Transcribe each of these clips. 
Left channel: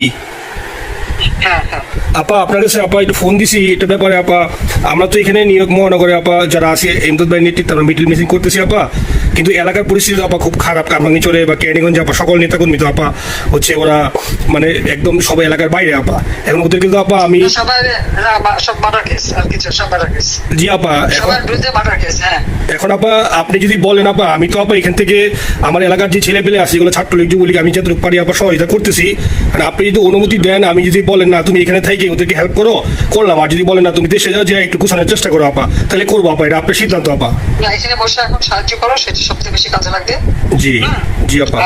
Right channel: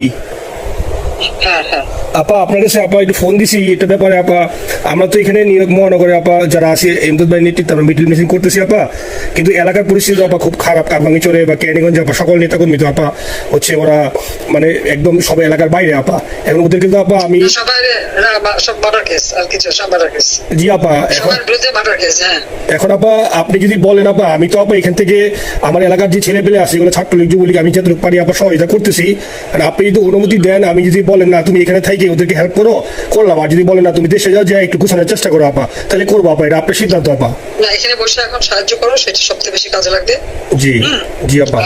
হ্যাঁ হ্যাঁ আপা আপনার কাছে আপা একটু ফোন দিছি এটা ব্যাপারে আপা। আমরা তো এখানে নিউ ইয়র্ক মহানগরে আপা যারা আছে এমদাদ ভাই নেতৃত্বে আমরা মিডিল মিসিং করতেছি আপা, কিন্তু এলাকার পরিস্থিতি আপা খুব খারাপ। কারমাঙ্গিচরে বা কেরানীগঞ্জে আপা সকল নেতাকর্মী তো আপা হচ্ছে ওরা মানে একদম সবাই এলাকার বাইরে আপা। এখন ওদের কিন্তু আপা আমি সবার সব মার্ডার কেস আর কিছু সব মার্ডার কেস জি আপা এখন সবার বিরুদ্ধে মার্ডার কেস। হ্যাঁ এখন আপা আপনি যদি বলেন আপা আমি তো আপা এখান থেকে আমার এলাকার যে ছেলে পেলে আছে এগুলো ছাত্রলীগ যুবলীগ আমি যতটুকু পারি আপা সহযোগিতা করতেছি। আর আপনি যদি অনুমতি দেন, আমি যদি বলেন না তুমি এখানে থেকে ওদেরকে হেল্প করো করলাম, আর যদি বলেন না তুমি দেশে যাও যে একটু গুছানোর চেষ্টা করো আপা, তাহলে করবো আপা, এটা আপনার সিদ্ধান্ত আপা। না এখানে বসে এখন সাহায্য করো, সেটা সবচেয়ে বেশি কাজে লাগবে। জি জি আপা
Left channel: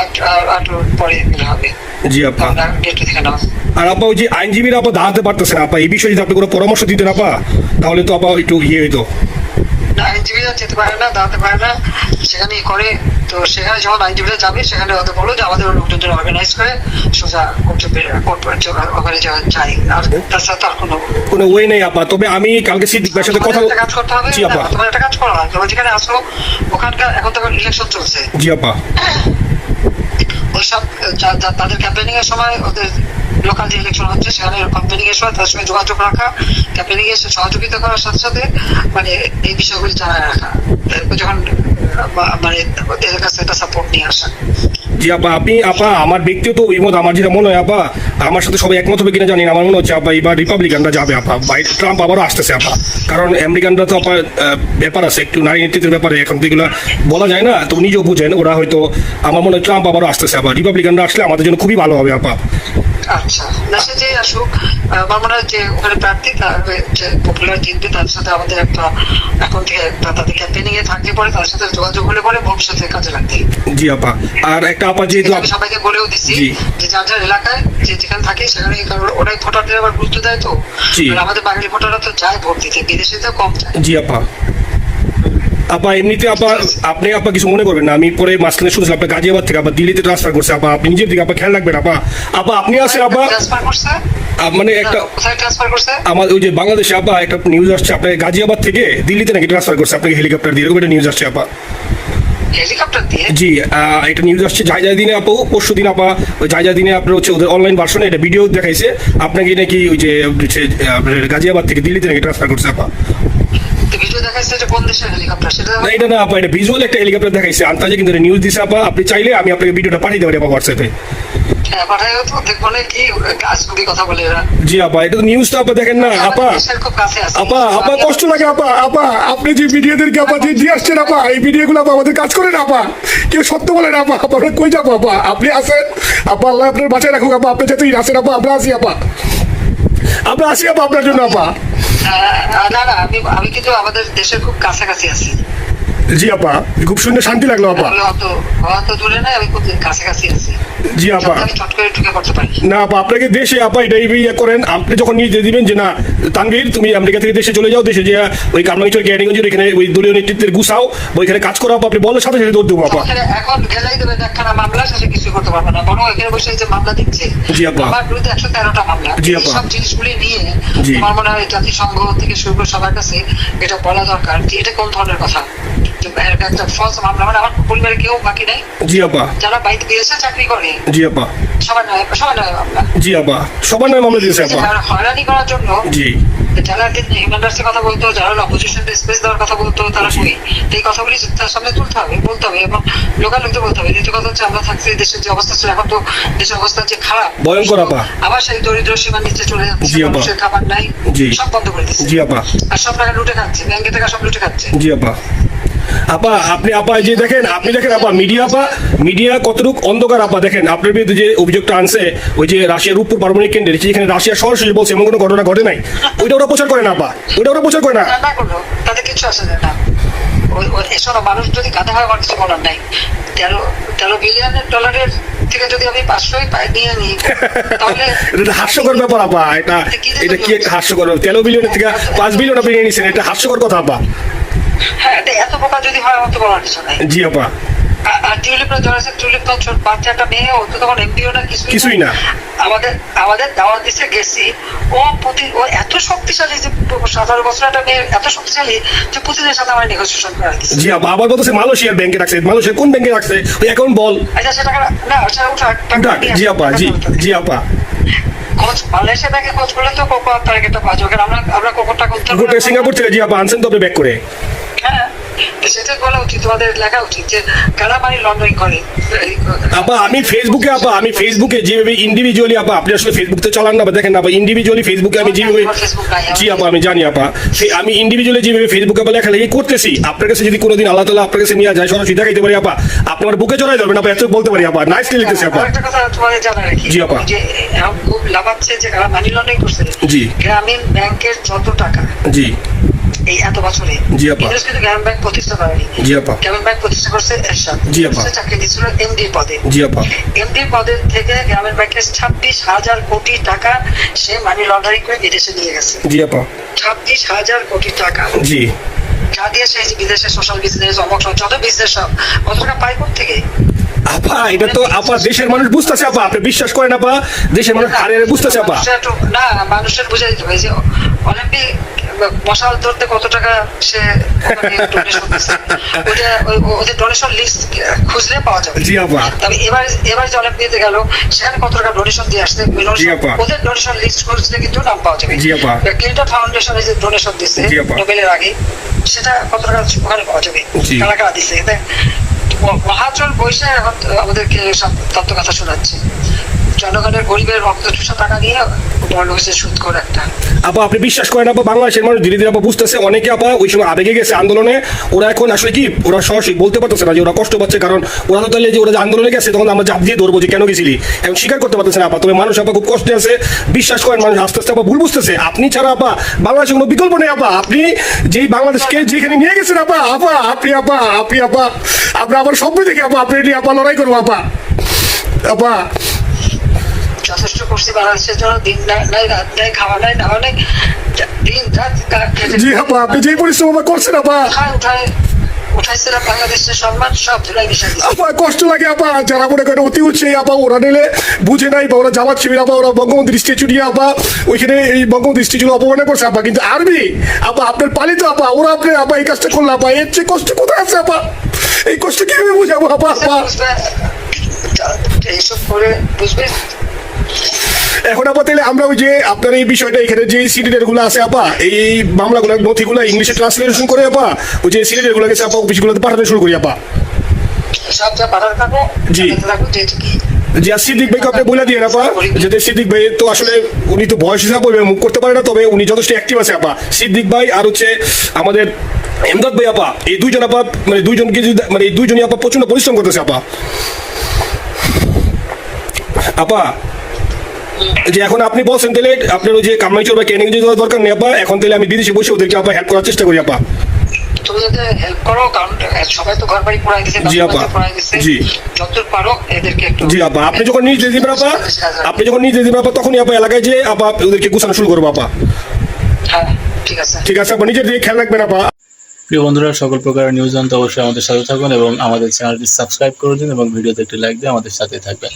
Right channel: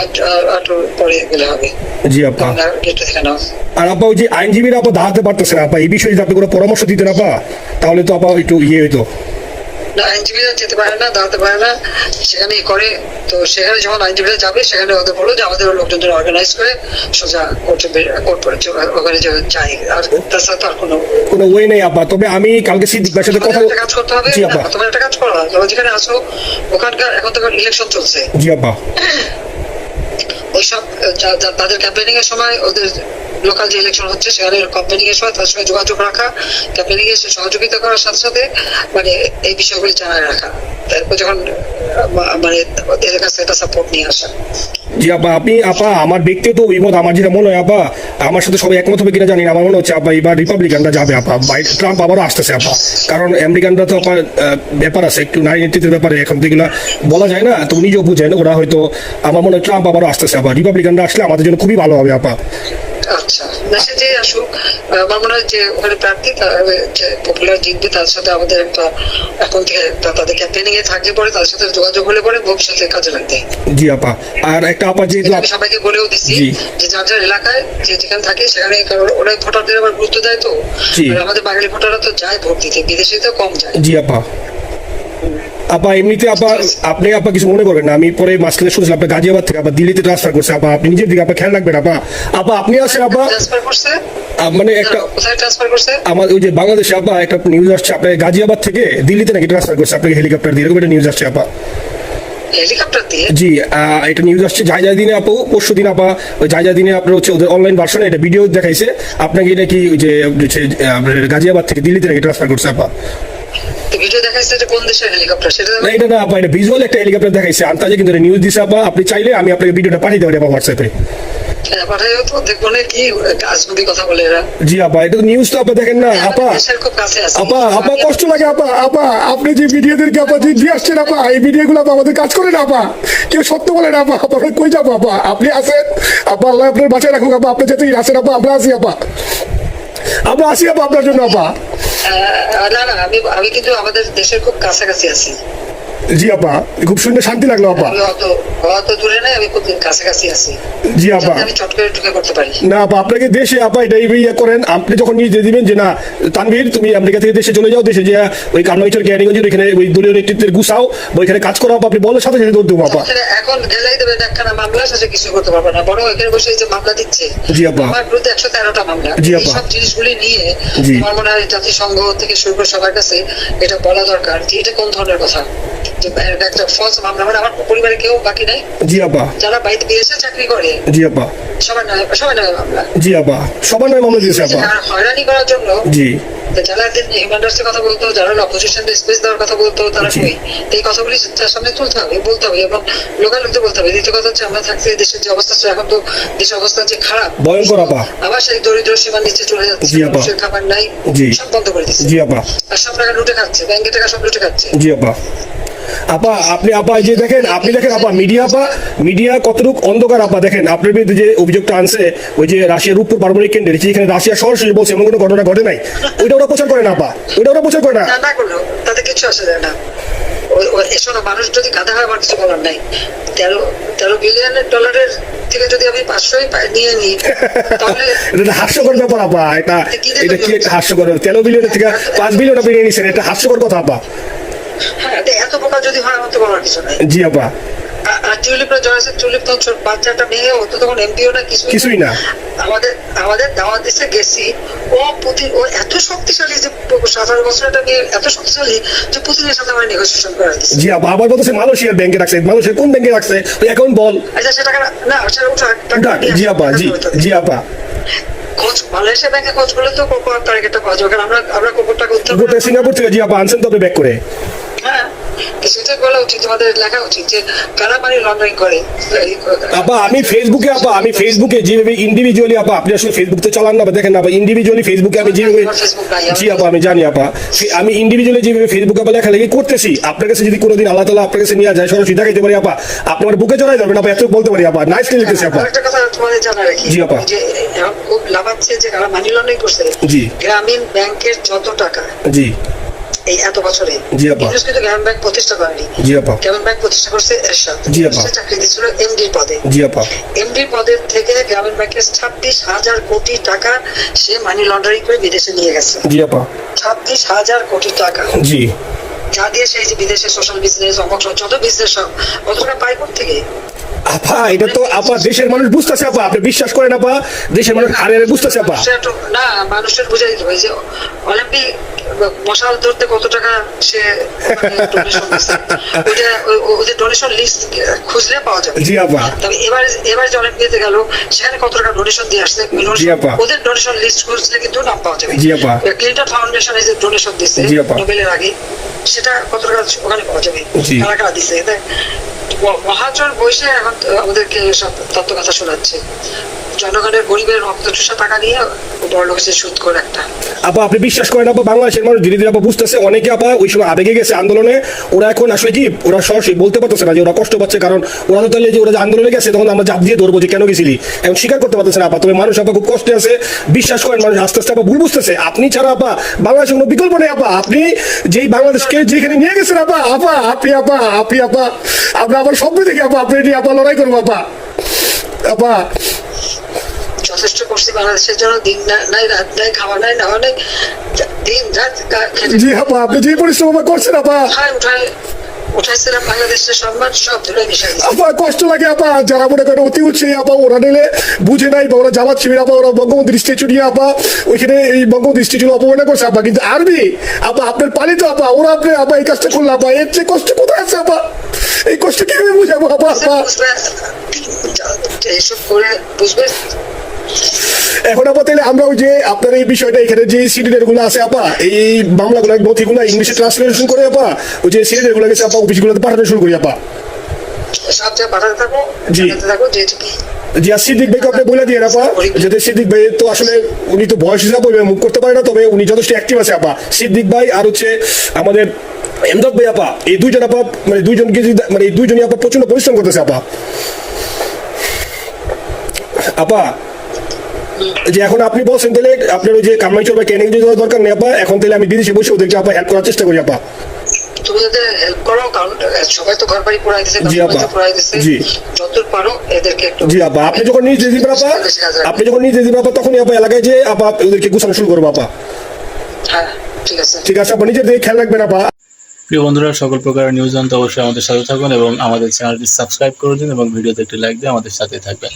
আর পরে গেলে হবে। জি আপা। গেটটা থেকে নাও। আর আপা ওই যে আইনজীবীরা আপা দাঁড়াতে পারতেছে না আপা, এই বিষয়ে যদি আপনি কোনো পরামর্শ দিতেন আপা তাহলে তো আপা একটু ইয়ে হইতো। না আইনজীবীরা যেতে পারে না, দাঁড়াতে পারে না, সেখানেই করে। তো সেখানে যখন আইনজীবীরা যাবে সেখানে ওদের বলো যে আমাদের লোকজনদের অর্গানাইজ করে সোজা ওখানে যাই। আর তাছাড়া তো আর কোনো ওয়ে নেই আপা। তবে আমি কালকে সিদ্দিক ভাইয়ের সাথে কথা কাজ করতে হবে। জি আপা। তোমার একটা কাজ করো, তোমরা যেখানে আসো ওখানকার এখন তোমার ইলেকশন চলছে। জি আপা। ওইসব তাদের ক্যাম্পেনিং এর সময় ওদের লোকাল যে ইলেকশন হচ্ছে সেখানে ক্যাম্পেনিং এর সময় তার সঙ্গে যোগাযোগ রাখা, ক্যাম্পেনিং এর সহযোগিতা করার সাথে সাথে মানে এই বিষয়গুলি জানায় রাখা, তারপর যখন মানে ওদের কাছে একটা সাপোর্ট নিয়ে আসা। জি আপা। আপনি আপা আমার ব্যক্তিগত অভিমত, আমার যেটা মনে হয় আপা, আমার সাথে সবাই একমত হবে কিনা জানি না, আমার মনে হচ্ছে আপা এবার রিপাবলিকানরা যাবে আপা, ট্রাম্প আবারও আসতেছে আপা। কারণ আমেরিকানরা তো আপা ব্যাপার আছে একটু নারী নেতৃত্বের ব্যাপারে, এখন তো এগুলো বলা যায় না, তো নিজেও বুঝেন ওরা হয়তো, আমার মনে হয় ট্রাম্প আবারও আসতেছে আপা। রিপাবলিকানরা আসলে আমাদের জন্য খুবই ভালো হবে আপা। আচ্ছা না সে যে আসুক, আমার মনে হয় যে ওখানে প্রার্থী যে পপুলার জিতবে তার সাথে আমাদের একটা এখন থেকে তাদের ক্যাম্পেনিং এ থাকলে পরে তার সাথে যোগাযোগ হলে পরে ভবিষ্যতে কাজে লাগবে। জি আপা। আর একটা আপা যেহেতু আমি সবাইকে বলেও দিচ্ছি যে যার যার এলাকায় যে যেখানে থাকে সেখানে ওরা ভোটারদের আবার গুরুত্ব দেয়। তো আমাদের বাঙালি ভোটাররা তো যায় ভোট দিতে, বিদেশে তো কম যায়। জি আপা। আপা এমনিতে আপা আপনি আপা কিছু মনে করবেন না, আমি পরে মাঝখানে শুনছিলাম আপনার গাজিয়াবাদ থেকে আবার দিল্লিতে ট্রান্সফার করছে আপা, আপনি নিজের দিকে আপা খেয়াল রাখবেন আপা। আপা আপনি আছেন আপা ট্রান্সফার করছে মানে একটা কোথায় ট্রান্সফার করছে আমার ওই যে বাংলাদেশে আপা একটা নিউজ আসছে আপনার গাজিয়াবাদ থেকে দিল্লিতে নাকি ট্রান্সফার করছে আপনাকে হেলিকপ্টার দিয়ে, এরকম একটা নিউজ আসছে আপা। হেলিকপ্টার দিয়ে? জি এটা নিউজ আসছে জায়জা দিনে আপু, পরশু দিন আপা ওই জায়জা দিনে আপনার হচ্ছে ওদের অনলাইন ভার্সনে এটা ভিডিও দেখাইছে আপনাকে নাকি ওই যে গাজিয়াবাদ থেকে দিল্লিতে নাকি ট্রান্সফার করছে আপা। ভিডিও দেখাইছে এটা কোন দেশের হেলিকপ্টার সেটা না এটা না আপা, এটা ভিজুয়াল একটা হেলিকপ্টার দেখাইছে আন্তাজে, কিন্তু নিউজ দিছে আপা। আপনি চাইলে আমি আপনাকে ভিডিওটা পাঠিয়ে দেবো আপা হোয়াটসঅ্যাপে। হ্যাঁ পাঠাইও তো, দেখবো না কি আজগুবি কথা বলে এরা। জি আপা এটা তো নিউজটা আপা দেখেন না আপা। খুব কাছে আছে আপা আপা কষ্ট লাগে আপা। আপা আপনি যে ভিডিওদেরকে আপা দিয়ে আসছেন আপা, এই ভিডিওগুলো আপা আমাদের কাজ করে না আপা, কেউ সত্য বলে না আপা। আপা কই যাবো আপা, আপনি আসেন আপা, আল্লাহ আপনার বাঁচায় রাখুক আপা, আপনি যেতেই আসেন আপা, আমরা আসি আপা, আমরা আসি আপা আপনার জন্য আপা। না না আমি কিন্তু আমাদের দেশের খুব কাছাকাছি আছি। জি আপা খুব শুনে শান্তি লাগলো আপা। অত দূরে নাই, আমি খুব কাছাকাছি আছি। জি আপা। আমি চট করে ঢুকে পড়তে পারি না আপা আপনাকে দেশে আপা এটাই ইয়ে করেন, আপনি যখন নিয়ে দিবেন যে না তানভীর তুমি আমেরিকা থেকে দেশে চলে যাও, দেশে যে ওই কামরাঙ্গীরচর কেরানীগঞ্জের এখানে ওই দলীয় নেতৃত্বের গুছাও ওইখানে কাজ করো আপা, আপনি বলার সাথে সাথে দৌড় দেবো আপা। এখন গেলেই দেবে একখানা মামলা, শেষে কিছু করতে পারবে না, বরং এখানে বসে যে মামলা দিচ্ছে। জি আপা। আমার বিরুদ্ধে 113টা মামলা। জি আপা। সব জিনিসগুলি নিয়ে আমার মনে হয় জাতিসংঘ থেকে শুরু করে সবার কাছে এটা বলা দরকার যে এটা কোন ধরনের কথা, যে একটা ফলস মামলা। মানে আমার পরিবারে কেউ বাকি নাই। জি আপা। যারা বাইরে বিদেশে চাকরি করে জি আপা সবার নয় মামলা। জি আপা সবার নয় মামলা দিয়েছে আপা। হয়রানি করার জন্য জি যারা হিউম্যান রাইটসের কথা বলতো, যারা অপোজিশন স্পেস দেওয়ার কথা বলতো, তারা কই? এই কথাগুলি সামনে তুলতে হবে, বলতে হবে এবং লোকাল লোকদের বলতে হবে। দ্বিতীয় কথা হচ্ছে আমরা থাকছি দেশের যে অবস্থা, এখন তো দেশের অবস্থা যে খারাপ ভয়ঙ্কর আপা। আবার সেই দরিদ্র সীমার নিচে চলে যাচ্ছে, মানুষের খাবার নাই, সব বন্ধ করে দিচ্ছে। জি আপা। আর সব টাকা লুটে খাচ্ছে, ব্যাংকের টাকা সব লুটে খাচ্ছে। জি আপা। আপা আপনি আপা যে দেখেন, আপনি দেখেন আপা মিডিয়া আপা, মিডিয়া কতটুক অন্ধকার আপা। দেখেন আপনার বিরুদ্ধে যে অভিযোগটা আনছে ওই যে রাশিয়ার রূপপুর পারমাণবিক কেন্দ্রে, যেখানে রাশিয়া সরাসরি বলছে এমন কোনো ঘটনা ঘটে নাই, ওইটা ওরা প্রচার করে না আপা, ওইটা ওরা প্রচার করে না। না করলেও তাতে কিছু আসে যায় না। এসব মানুষ যদি গাধা হয় আমার কিছু বলার নাই। 13 বিলিয়ন ডলারের থেকে যদি আমি 500ই নিয়ে নিই তাহলে এটা হাস্যকর ব্যাপার আপা। এটা এটা কি একটা হাস্যকর, 13 বিলিয়নের থেকে 5 বিলিয়ন আপনি নিয়ে নিছেন, এটা হাস্যকর কথা আপা। হ্যাঁ এত বোকা যদি হয় আমার তো বলার কিছু নাই। জি আপা। আর টিউলিপরা জড়াচ্ছে, টিউলিপ তো বাচ্চাটা মেয়ে, ও তো তখন এমপিও না কিছুই না। আমাদের দাওয়াত দিচ্ছে গেছি, ও এত শক্তিশালী যে 17 বছর একটা মেয়ে এত শক্তিশালী যে পুতিনের সাথে আমার নেগোসিয়েশন করে দিচ্ছে। জি আপা। আবার বলতেছে মালয়েশিয়ার ব্যাংকে রাখছে, মালয়েশিয়ার কোন ব্যাংকে রাখছে ওই অ্যাকাউন্ট বল। আচ্ছা সেটা না সেটা উঠা। জি আপা। জি জি আপা। খোঁজ মালয়েশিয়া ব্যাংকে খোঁজ করলে তো কোকো টার্গেটটা পাওয়া যাবে, কারণ আমরা কোকোর টাকা উদ্ধার গোটা সিঙ্গাপুর থেকে জি আপা আনছেন তো আপনি ব্যাক করে। হ্যাঁ, তো সেটা বলা উচিত, তোমাদের লেখা উচিত যে কারা মানি লন্ডারিং করে। আপা আমি ফেসবুকে যেভাবে ইন্ডিভিজুয়ালি আপা, আপনি আসলে ফেসবুক তো চালান না, দেখেন না আপা, ইন্ডিভিজুয়ালি ফেসবুকে আমি যেভাবে, জি আপা আমি জানি আপা, আমি ইন্ডিভিজুয়ালি যেভাবে ফেসবুকে আপা লেখালেখি করতেছি, আপনার কাছে যদি কোনোদিন আল্লাহ তাআলা আপনার কাছে নিয়ে যায়, সরাসরি দেখাইতে পারি আপা, আপনি আমার বুকে চড়াই যাবেন আপা, এত বলতে পারি আপা, নাইসলি লিখতেছি আপা। একটা কথা তোমাদের জানা রাখি, জি আপা। যে এখন খুব লাভাচ্ছে যে কারা মানি লন্ডারিং করছে, জি। গ্রামীণ ব্যাংকের যত টাকা জি এই এত বছরে, জি আপা। ইউনুস কিন্তু গ্রামীণ ব্যাংক প্রতিষ্ঠা করেনি। জি আপা। গ্রামীণ ব্যাংক প্রতিষ্ঠা করছে এরশাদ। জি আপা। সে চাকরি দিচ্ছিল এমডি পদে। জি আপা। এমডি পদের থেকে গ্রামীণ ব্যাংকের 26,000 কোটি টাকা সে মানি লন্ডারিং করে বিদেশে নিয়ে গেছে। জি আপা। 26,000 কোটি টাকা, জি যা দিয়ে সেই যে বিদেশে সোশ্যাল বিজনেস, অমক যত বিজনেস সব কত টাকা পায় থেকে। আপা এটা তো আপা দেশের মানুষ বুঝতেছে আপা, আপনি বিশ্বাস করেন আপা, দেশের মানুষ আরে বুঝতেছে আপা। না, মানুষের বুঝে দিতে হবে যে অলিম্পিক মশাল ধরতে কত টাকা সে ডোনেশন দিচ্ছে, ওদের ডোনেশন লিস্ট খুঁজলে পাওয়া যাবে। জি আপা। তবে এবার যে অলিম্পিয়াতে গেল সেখানে কত টাকা ডোনেশন দিয়ে আসছে, জি আপা। ওদের ডোনেশন লিস্ট খুঁজলে কিন্তু নাম পাওয়া যাবে। জি আপা। ক্লিন্টন ফাউন্ডেশনে যে ডোনেশন দিচ্ছে জি আপা। নোবেলের আগে, সেটা কত টাকা ওখানে পাওয়া যাবে, জি। কারা কারা দিচ্ছে। মহাজন বসে এখন আমাদেরকে সব তত্ত্ব কথা শোনাচ্ছে, জনগণের গরিবের রক্ত চুষা টাকা নিয়ে বড় লোকের সুদ করে একটা। আপা আপনি বিশ্বাস করেন আপা, বাংলাদেশের মানুষ ধীরে ধীরে আপা বুঝতেছে, অনেকে আপা ওই সময় আবেগে গেছে আন্দোলনে, ওরা এখন আসলে কি ওরা সরাসরি বলতে পারতেছে না যে ওরা কষ্ট পাচ্ছে, কারণ ওরা তো তাহলে যে ওরা যে আন্দোলনে গেছে তখন আমরা জাপ দিয়ে ধরবো যে কেন গেছিলি, এখন স্বীকার করতে পারতেছে না আপা। তবে মানুষ আপা খুব কষ্টে আছে, বিশ্বাস করেন মানুষ আস্তে আস্তে আপা ভুল বুঝতেছে, আপনি ছাড়া আপা বাংলাদেশের কোনো বিকল্প নেই আপা, আপনি যেই বাংলাদেশকে যেখানে নিয়ে গেছেন আপা, আপা আপনি আমরা আবার সব দেখে আপা আপনি নিয়ে আপা লড়াই করবো আপা। আপা যথেষ্ট করছি বাংলাদেশের জন্য, দিন নাই রাত নাই, খাওয়া নাই নাওয়া নাই, দিন রাত জি আপা আপনি যে পরিশ্রম করছেন আপা, উঠাইছিলাম বাংলাদেশের সম্মান সব ধুলাই মিশাই দিচ্ছে। আপা কষ্ট লাগে আপা, যারা মনে করেন অতি উৎসাহী আপা, ওরা নিলে বুঝে নাই বা ওরা জামাত শিবির আপা, ওরা বঙ্গবন্ধু স্ট্যাচু নিয়ে আপা ওইখানে এই বঙ্গবন্ধু স্ট্যাচু অপমানে করছে আপা, কিন্তু আর্মি আপা আপনার পালিত আপা, ওরা আপনি আপা এই কাজটা করলো আপা, এর চেয়ে কষ্ট কোথায় আছে আপা, এই কষ্ট কিভাবে বুঝাবো আপা? আপা এইসব করে বুঝবে। এখন আপা তাহলে আমরা ওই যে আপনার এই বিষয়টা এখানে যে সিডিডের গুলো আছে আপা, এই মামলাগুলো নথিগুলো ইংলিশে ট্রান্সলেশন করে আপা ওই যে সিডিডের গুলো গেছে আপা অফিসগুলোতে পাঠাতে শুরু করি আপা। সব যা পাঠাতে থাকো, জি। থাকো যেটা কি জি। আর সিদ্দিক ভাইকে আপনি বলে দিয়ে আপা, যাতে সিদ্দিক ভাই তো আসলে উনি তো বয়স হিসাবে মুভ করতে পারে না, তবে উনি যথেষ্ট অ্যাক্টিভ আছে আপা। সিদ্দিক ভাই আর হচ্ছে আমাদের এমদাদ ভাই আপা, এই দুইজন আপা মানে দুইজনকে যদি মানে এই দুইজনই আপা প্রচন্ড পরিশ্রম করতেছে আপা। আপা যে এখন আপনি বলছেন তাহলে আপনার ওই যে কামাইচর বা ক্যানিং যাওয়ার দরকার নেই আপা, এখন তাহলে আমি বিদেশে বসে ওদেরকে আপা হেল্প করার চেষ্টা করি আপা। তুমি যাতে হেল্প করো, কারণ সবাই তো ঘর বাড়ি পোড়াই দিচ্ছে, জি আপা। পোড়াই দিচ্ছে, জি। যতদূর পারো এদেরকে একটু। জি আপা, আপনি যখন নিজে দিবেন আপা, তখনই আপা এলাকায় যে আপা ওদেরকে গুছানো শুরু করবো আপা। হ্যাঁ ঠিক আছে, ঠিক আছে আপা, নিজের দিকে খেয়াল রাখবেন আপা। প্রিয় বন্ধুরা, সকল প্রকার নিউজ জানতে অবশ্যই আমাদের সাথে থাকুন এবং আমাদের চ্যানেলটি সাবস্ক্রাইব করে দিন এবং ভিডিওতে একটি লাইক দিয়ে আমাদের সাথে থাকবেন।